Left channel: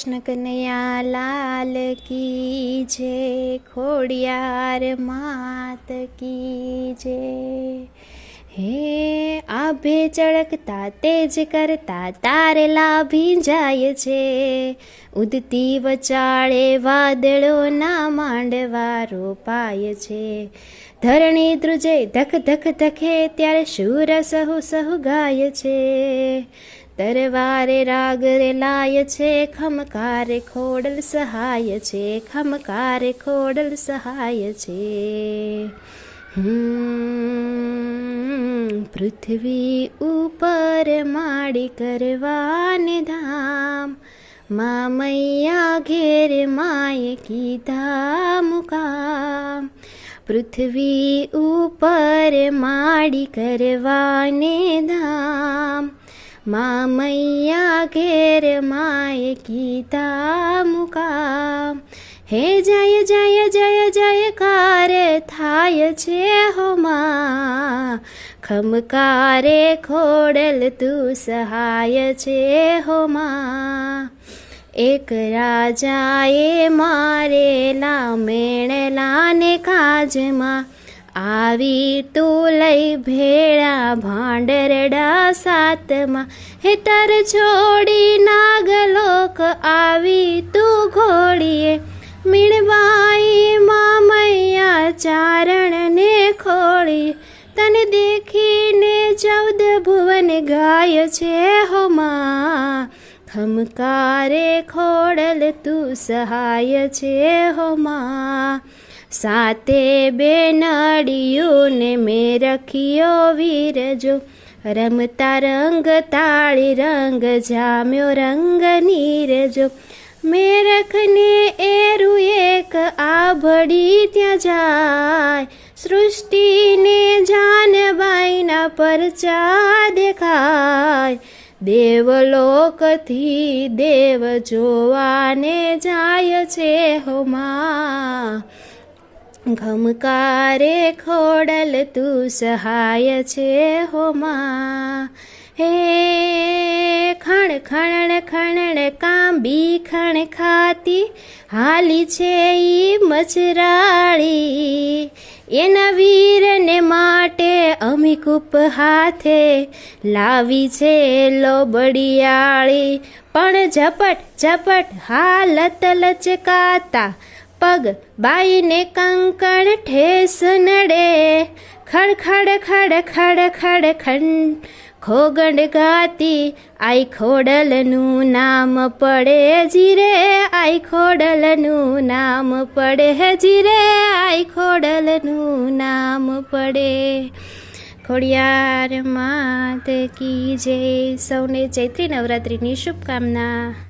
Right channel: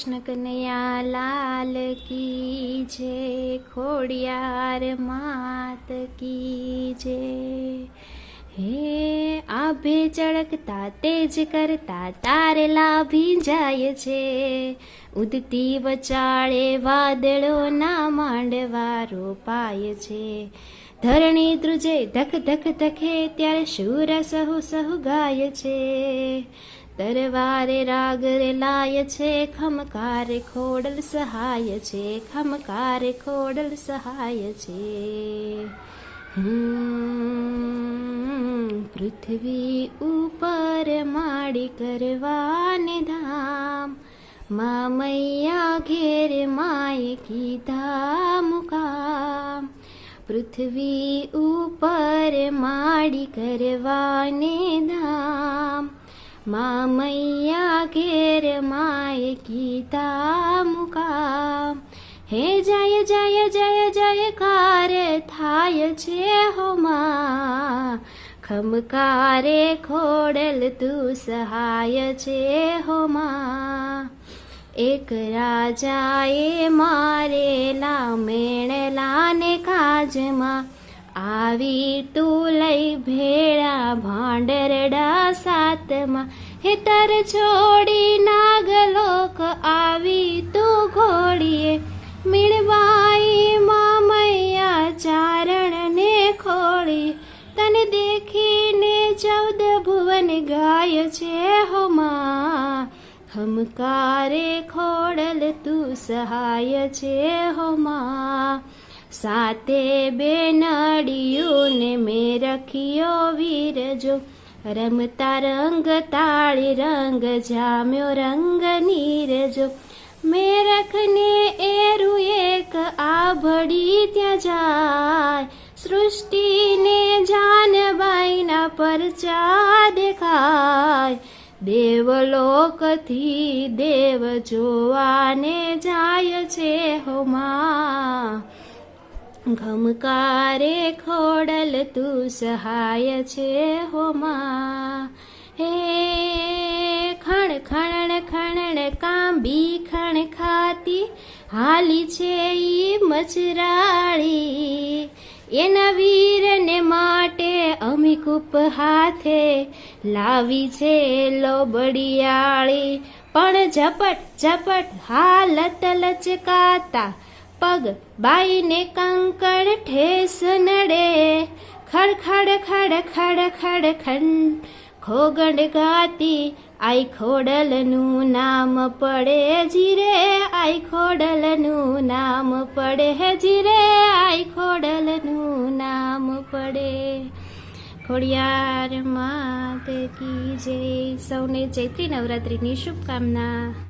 કૃષ્ણ કનૈયા લાલ કી જય, ખોડિયાર માત કી જય। હે આભે ચળકતા તેજ કરતા તારેલા ભીંજાય છે, ઉદતી વચાળે વાદળોના માંડવા રોપાય છે। ધરણી ધ્રુજે ધક ધક ધકે ત્યારે શૂર સહુ સહુ ગાય છે, તરવારે રાગ રે લાય છે, ખમકારે ખોડલ સહાય છે, ખમકારે ખોડલ સહાય છે। પૃથ્વી ઉપર માડી કરવાને ધામ, મા મૈયા ઘેર માએ કીધા મુકામ। પૃથ્વી ઉપર માડી કરવાને ધામ, મા મૈયા ઘેર માએ કીધા મુકામ। હે જય જય જય જયકાર થાય છે હો મા, ખમકારે ખોડલ તું સહાય છે હો મા। એક રાજાએ મારેલા મેણલાને કાજમાં, આવી તું લઈ ભેળા ભાંડરડા સાતમાં। હે તર છોડી નાગલોક આવી તું ઘોડીએ, મીણબાઈ મા મૈયા ચારણને ખોળી। તને દેખીને 14 ભુવન ગાય છે હો મા, ખમકારે ખોડલ તું સહાય છે હો મા। સાતે બેનડીઓને મેં રખ્યો વીરજો, રમતા રંગ તાળી રંગ જામ્યો રંગ નીરજો। મેરખને એરું એક આભડી ત્યાં જાય, સૃષ્ટિને જાનબાઈના પરચા દેખાય। દેવલોકથી દેવ જોવાને જાય છે હો મા, ખમકારે ખોડલ તું સહાય છે હો મા। હે ખણ ખણ ખણ કાંબી ખણ ખાતી, હાલી છે ઈ મચરાળી। એના વીરને માટે અમીકૂપ હાથે લાવી છે લોબડિયાળી। પણ ઝપટ ઝપટ હાલત લચકાતા, પગ બાઈને કંકણ ઠેસ નડે। ખડ ખડ ખડ ખડ ખડ ખંડ ખોગંડ ગાતી, આઈ ખોડલનું નામ પડે જીરે, આઈ ખોડલનું નામ પડે જીરે, આઈ ખોડલનું નામ પડે। ખોડિયાર માત કી જય। સૌને ચૈત્રી નવરાત્રિની શુભકામના।